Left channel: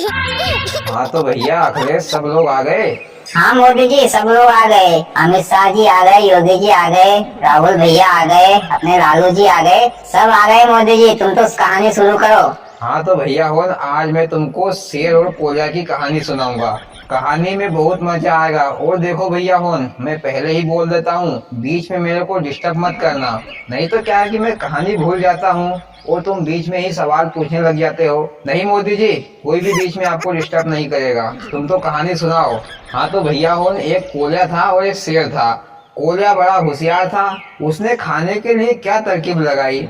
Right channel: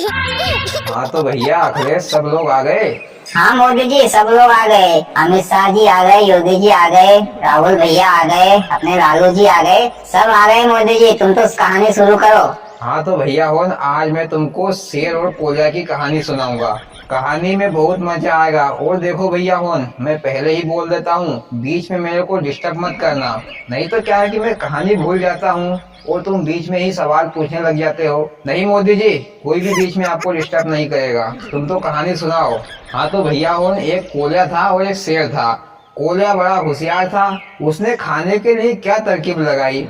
हाँ तो भैया अखिलेश सब लोग आ गए। हाँ मोदी जी, सब लोग आ गए। अमित शाह जी आ गए, योगी जी आ गए, राहुल भैया आ गए, अपने लालू जी आ गए, सब आ गए। मोदी जी तुम तो कहानी शुरू करो। हाँ तो भैया हो न, आज मैं तुमको शेर और कोयला की कहानी सुनाऊंगा। कहानी में बहुत मजा आएगा। और देखो भैया होन, मैं पहले ही बोल देता हूँ, बीच में मेरे को डिस्टर्ब मत करना। नहीं तो क्या है कि मैं कहानी भूल जाता हूँ और तुम बीच में ही सवाल पूछने लग जाते हो। नहीं मोदी जी, कोई भी बीच में आपको डिस्टर्ब नहीं करेगा। तुम तो कहानी सुनाओ। हाँ तो भैया होन, एक कोयला था और एक शेर था। कोयला बड़ा होशियार था। उसने खाने के लिए क्या तरकीब लगाई,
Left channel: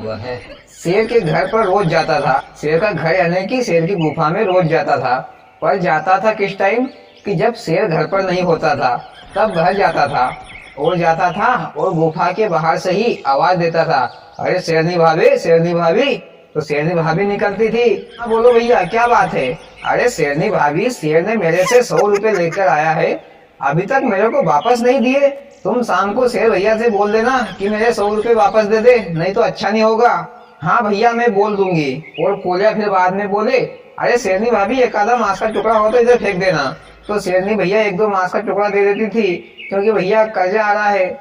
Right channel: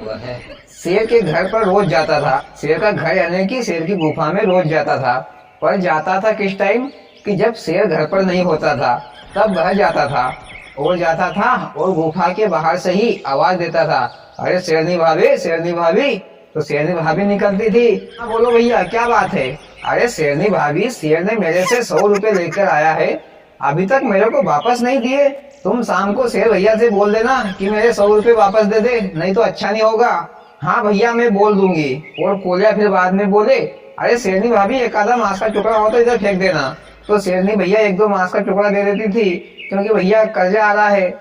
शेर के घर पर रोज जाता था। शेर का घर यानी कि शेर की गुफा में रोज जाता था। पर जाता था किस टाइम, कि जब शेर घर पर नहीं होता था तब वह जाता था। और जाता था और गुफा के बाहर से ही आवाज देता था, अरे शेरनी भाभी, शेरनी भाभी। तो शेरनी भाभी निकलती थी। हाँ बोलो भैया क्या बात है। अरे शेरनी भाभी, शेर ने मेरे से 100 रुपए लेकर आया है, अभी तक मेरे को वापस नहीं दिए। तुम शाम को शेर भैया से बोल देना कि मेरे 100 रुपए वापस दे दे, नहीं तो अच्छा नहीं होगा। हाँ भैया मैं बोल दूंगी। और कोलिया फिर बाद में बोले, अरे शेरनी भाभी एक आधा मांस का टुकड़ा हो तो इधर फेंक देना। तो शेरनी भैया एक दो मांस का टुकड़ा दे देती थी, क्योंकि भैया कर्जा आ रहा है।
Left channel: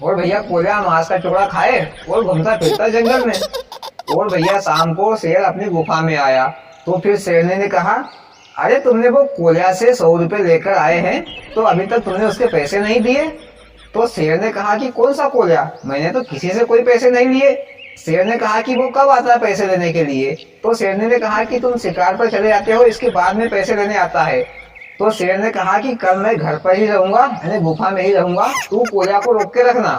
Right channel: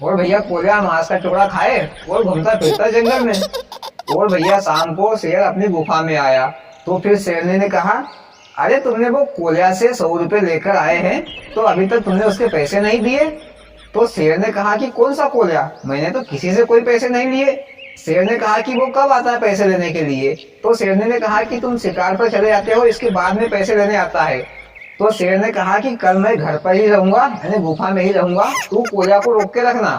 और भैया कोलिया मांस का टुकड़ा खाए और घूमता फिरता जंगल में। और भैया शाम को शेर अपनी गुफा में आया। तो फिर शेरनी ने कहा, अरे तुमने वो कोलिया से 100 रुपए लेकर आए हैं, तो अभी तक तुमने उसके पैसे नहीं दिए। तो शेर ने कहा कि कौन सा कोलिया, मैंने तो किसी से कोई पैसे नहीं लिए। शेर ने कहा कि वो कब आता है पैसे लेने के लिए। तो शेरनी ने कहा कि तुम शिकार पर चले जाते हो, इसके बाद में पैसे लेने आता है। तो शेर ने कहा कि कल मैं घर पर ही रहूंगा, यानी गुफा में ही रहूंगा, तू कोलिया को रोक के रखना,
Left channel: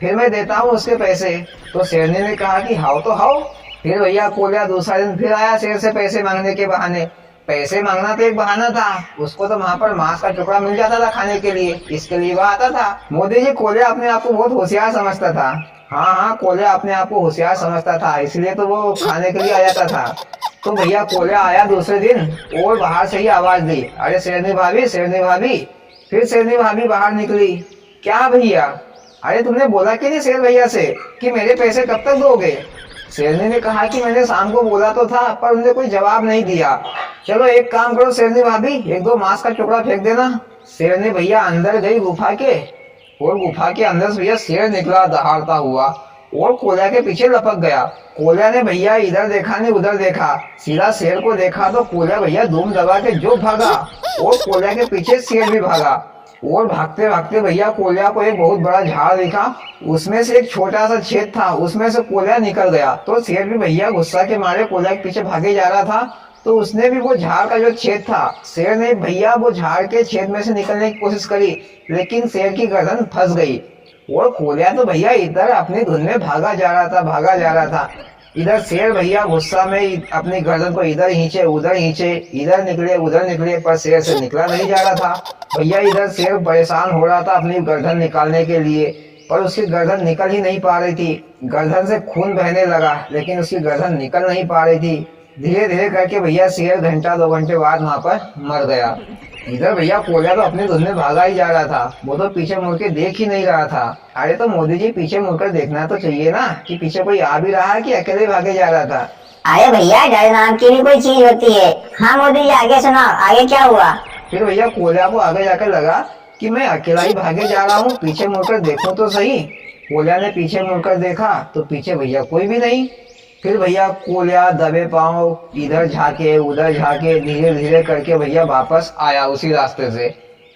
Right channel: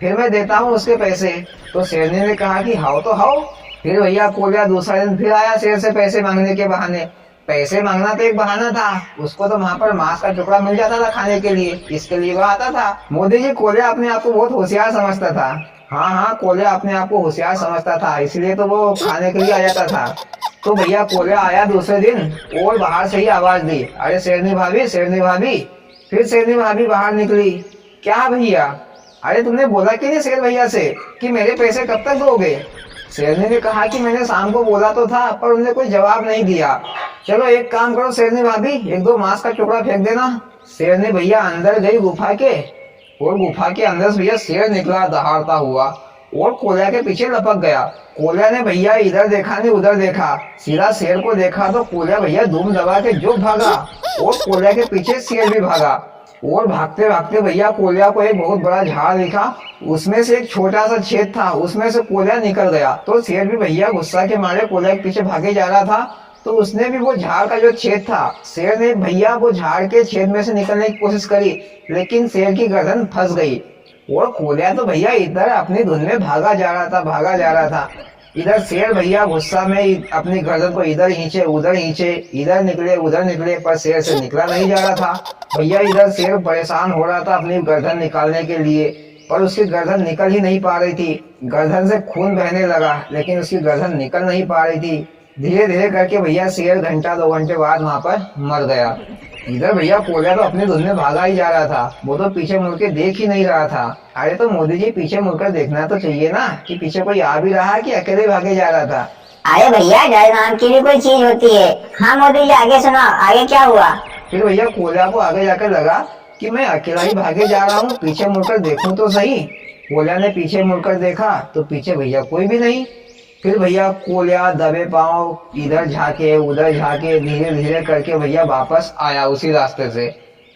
फिर मैं देता हूँ उसके पैसे। तो शेरनी ने कहा कि हाओ तो हाओ। फिर भैया कोलिया दूसरा दिन फिर आया शेर से पैसे मांगने के बहाने। पैसे मांगना तो एक बहाना था, उसको तो वहां पर मांस का टुकड़ा मिल जाता था खाने के लिए, इसके लिए वह आता था। मोदी जी, कोलिया अपने आप को बहुत होशियार समझता था। हाँ हाँ, कोलिया अपने आप को होशियार समझता था, इसलिए तो वो खाने के लिए आ जाता था। तो भैया कोलिया आया दूसरे दिन और बाहर से ही आवाज दी, अरे शेरनी भाभी, शेरनी भाभी। फिर शेरनी भाभी बाहर निकली। क्या भैया, अरे तुमने बोला कि नहीं शेर भैया से कि मेरे पैसे कब तक दोगे। शेरनी ने कहा कि मैंने शाम को बोला तो था, पर उन्होंने कोई जवाब नहीं दिया। चलो एक काम करो शेरनी भाभी, एक दो मांस का टुकड़ा फेंक देना। शेरनी भैया अंदर गई गुफा के, और गुफा के अंदर से भैया शेर निकला दहाड़ता हुआ और कोलिया के पीछे लपक गया। कोलिया ने भैया इधर देखा नहीं उधर देखा, सीधा शेर को देखा तो कोलिया भैया धूम दबा के जो भागा, और कोलिया के पीछे शेर भी भागा। और भागते भागते भैया कोलिया को एक बहुत बड़ा झाड़ दिखा, उसमें से एक छोटा सा छेद था, उसमें से कोलिया निकल गया। तो शेर भी भैया गुस्सा के मारे कोलिया के पीछे भागे जा रहा था, तो उसने भी वो झाड़ का जो छेद था, शेर ने भैया वो झाड़ के छेद में से निकलने की कोशिश करी, लेकिन शेर की गर्दन फंस गई। और कोलिया तो भैया इधर अपनी धुन में भागा जा रहा था, भागा जा रहा था। इधर शेर भैया गुस्सा में अपनी गर्दन को इधर खींचे उधर खींचे, इधर निकले उधर निकले, पर शेर से निकला नहीं जा रहा था। भैया इधर शेर परेशान हो रहा था अपनी गर्दन निकालने के लिए, पर उसकी गर्दन निकल ही नहीं पा रही थी। गर्दन से खून बहने लगा, लेकिन उसकी गर्दन निकल नहीं पा रही थी। धीरे धीरे करके भैया शेर घंटा 2 घंटे बाद वहां पर मर गया। इधर भैया कोलिया तो अपनी धुन में भागा ही जा रहा था, वो तो पीछे मुड़ के देख ही नहीं रहा था। अरे तो मोदी जी, पीछे मुड़कर देखना तो चाहिए ना कि पीछे कोई आ भी रहा है कि अकेले भागे जा रहा था। अरे भैया, डर नाम की भी कोई चीज होती है। हाँ मोदी जी, आगे सुनाओ, आगे क्या हुआ। फिर भैया कोलिया को आगे जाकर लगा कि मैं अकेला ही भागे जा रहा हूँ, पीछे मुड़कर देखूं तो सही। कोलिया ने पीछे मुड़कर देखा तो पीछे भैया कोई भी नहीं। फिर भैया कोलिया दबे पांव इधर झाके उधर झाके धीरे धीरे करके भैया वापस आया उसी रास्ते से।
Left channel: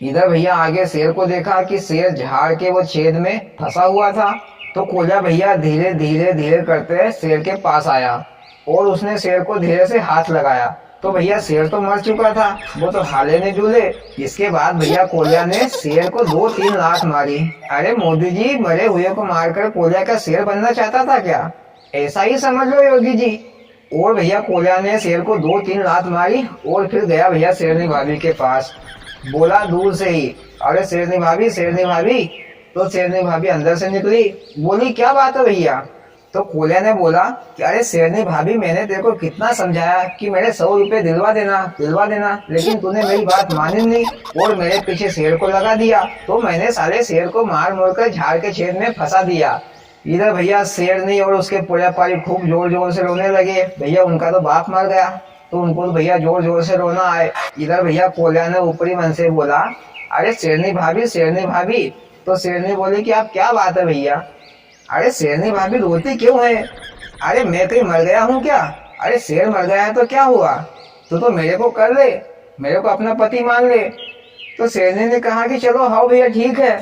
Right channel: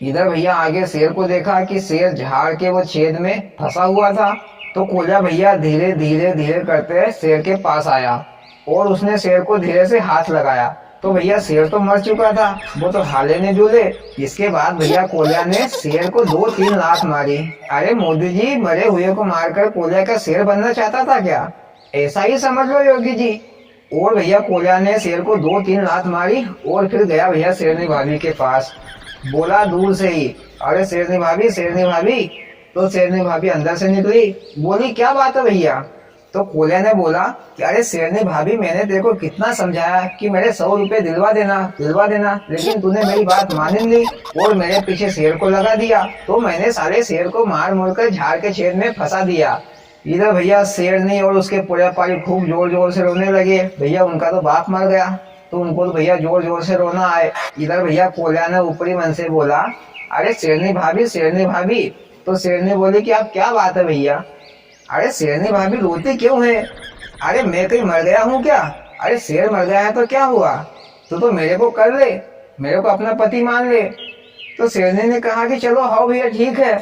इधर भैया आगे शेर को देखा कि शेर झाड़ के वो छेद में फंसा हुआ था। तो कोलिया भैया धीरे धीरे धीरे करते शेर के पास आया और उसने शेर को धीरे से हाथ लगाया। तो भैया शेर तो मर चुका था, वो तो हाले ने झूले। इसके बाद भैया कोलिया ने शेर को 2-3 लात मारी। अरे मोदी जी, मरे हुए को मारकर कोलिया का शेर बनना चाहता था क्या, ऐसा ही समझ लो योगी जी। और भैया कोलिया ने शेर को 2-3 लात मारी और फिर गया भैया शेरनी भाभी के पास। बोला दूर से ही, अरे शेरनी भाभी, शेरनी भाभी। तो शेरनी भाभी अंदर से निकली, बोली क्या बात है भैया। तो कोलिया ने बोला कि अरे शेरनी भाभी, मैंने तेरे को कितना समझाया कि मेरे 100 रुपए दिलवा देना, लेकिन तूने मेरी बात मानी नहीं और मेरे पीछे शेर को लगा दिया। तो मैंने साले शेर को मार मुड़ कर झाड़ के छेद में फंसा दिया। इधर भैया शेरनी और उसके पूरे पारी खूब जोर जोर से रोने लगे। भैया उनका तो बाप मर गया। तो उनको तो भैया जोर जोर से रोना आए। इधर भैया कोल्या ने ऊपरी मन से बोला, अरे शेरनी भाभी, शेरनी भाभी। तो शेरनी बोली कि आप क्या बात है भैया? अरे शेरनी भाभी रोती क्यों है? अरे मैं कहीं मर गया हूँ क्या? अरे शेर मर गया है तो क्या हुआ? तो मेरे को कर ले, मेरे को अपना पति मान ले। तो शेरनी ने कहा कि चलो हाँ भैया ठीक है।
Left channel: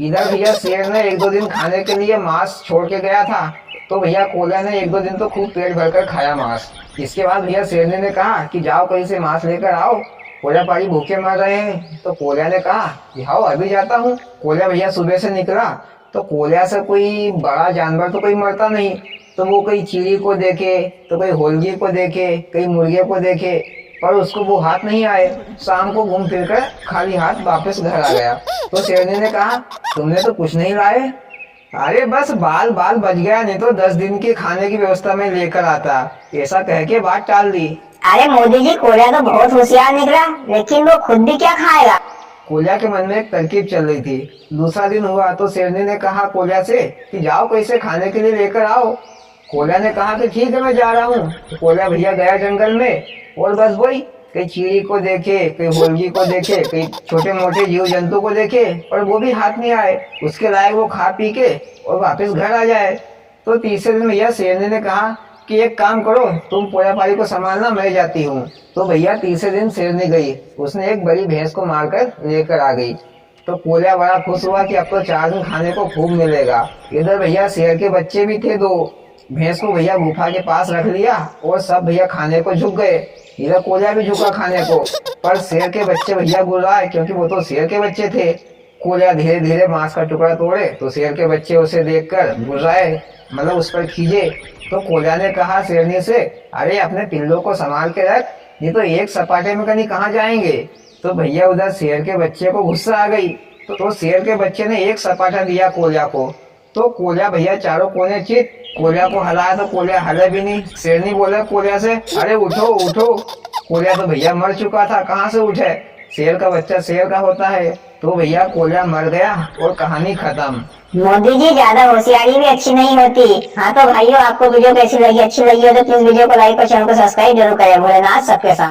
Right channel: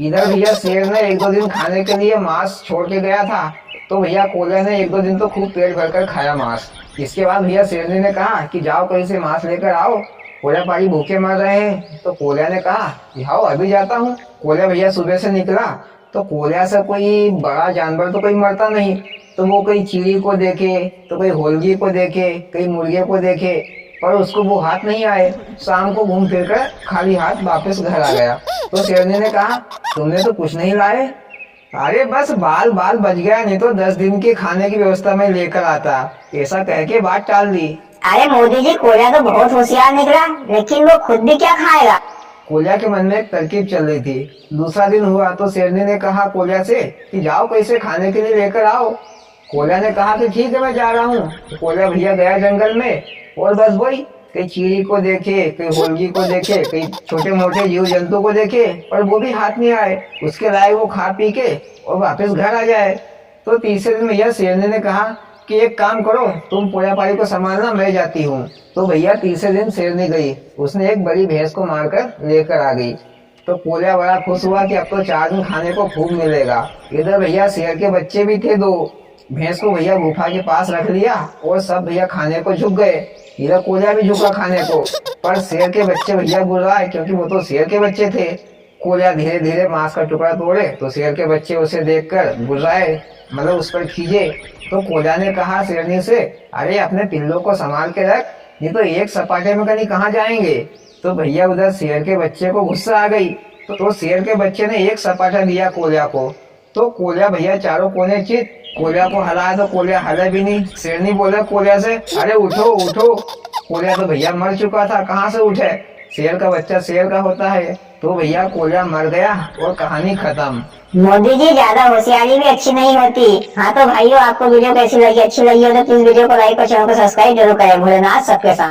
इधर भैया शेर ने 1-2 दिन खाने के लिए मांस छोड़ के गया था। तो भैया कोल्या ने 1-2 दिन तो खूब पेट भरकर खाया मांस। इसके बाद भैया शेरनी ने कहा कि जाओ कहीं से मांस लेकर आओ, कोल्या पारी भूखे मर रहे हैं। तो कोल्या ने कहा कि हाँ अभी जाता हूँ। कोल्या भैया सुबह से निकला तो कोल्या से कोई बड़ा जानवर तो कोई मरता नहीं। तो वो कहीं चीड़ी को देखे, तो कोई होलगी को देखे, कहीं मुर्गे को देखे, पर उसको वो हाथ नहीं आए। शाम को घूम फिर कर खाली हाथ वापस घर आ गया। तो शेरनी ने कहा तुमने तो कुछ नहीं लाए? अरे बस बाल बाल बच गया, नहीं तो 10 दिन के खाने की व्यवस्था में लेकर आता। ऐसा कह के बात टाल दी। अरे मोदी जी, कोल्या तो बहुत होशियार निकला, लेकिन वो खुद भी क्या खाएगा? कोल्या के मन में एक तरकीब चल रही थी। दूसरा दिन हुआ तो शेरनी ने कहा कोल्या से कि जाओ कैसे खाने के लिए लेकर आओ। कोल्या ने कहा कि ठीक है मैं जा रहा हूँ। तो कोल्या भैया गया जंगल में और बस वही कई चीड़ी को देखे, कई होलगी को देखे, कई छोटे मोटे जीव जंतु को देखे, पर वो भी हाथ नहीं आए उसके लायक वो खा पी के और वापस घर आ जाए। तो तीसरे दिन भैया शेरनी ने कहा कि एक काम करो, तुम पोया पारी को संभालना, मैं जाती हूँ। तो भैया तीसरे दिन शेरनी गई, उसने एक बड़ी भैंस को मारकर लेकर आ गई। तो कोल्या बड़ा खुश हुआ कि अब तो 4 दिन खाने को खूब मिलेगा। इधर भैया शेर के बच्चे भी थे 2। भैंस को भैया गुफा के पास रख लिया और सब भैया खाने को झुक गए। इधर कोल्या भी झुका खाने को, पर शेर के बच्चे भैया गुर्राए क्योंकि वो तो शेर के बच्चे थे। कोल्या धीरे धीरे मांस का टुकड़ा तोड़े तो शेर के बच्चे उसे देखकर गुर्राए, मतलब उस पर खींचे। तो कोल्या ने कहा शेरनी से, अरे अपने पिल्लों को संभाल के रख, नहीं तो एक सपाटे में कहीं कहाँ जाएंगे। तो भैया उधर शेर के बच्चे को गुस्सा आ गई। तो शेर के बच्चे ने एक सपाटा दिया कोल्या को। तो कोल्या भैया चारों कोने चित, कोल्या को हलाया तो कोल्या हिले भी नहीं। शेरनी बोला कोल्या से, अरे उठो उठो। कोल्या तो भैया मर चुका था, कहाँ से उठे? शेर का बच्चा शेर का होता है। तो भैया कोल्या मर गया और कहानी खत्म। मोदी जी, ज्यादा होशियारी भी अच्छी नहीं होती। हाँ तो भाइयों, आपको वीडियो कैसी लगी? अच्छी लगी हो तो प्लीज वीडियो को लाइक और चैनल को सब्सक्राइब जरूर करें। भोलेनाथ सबके साथ।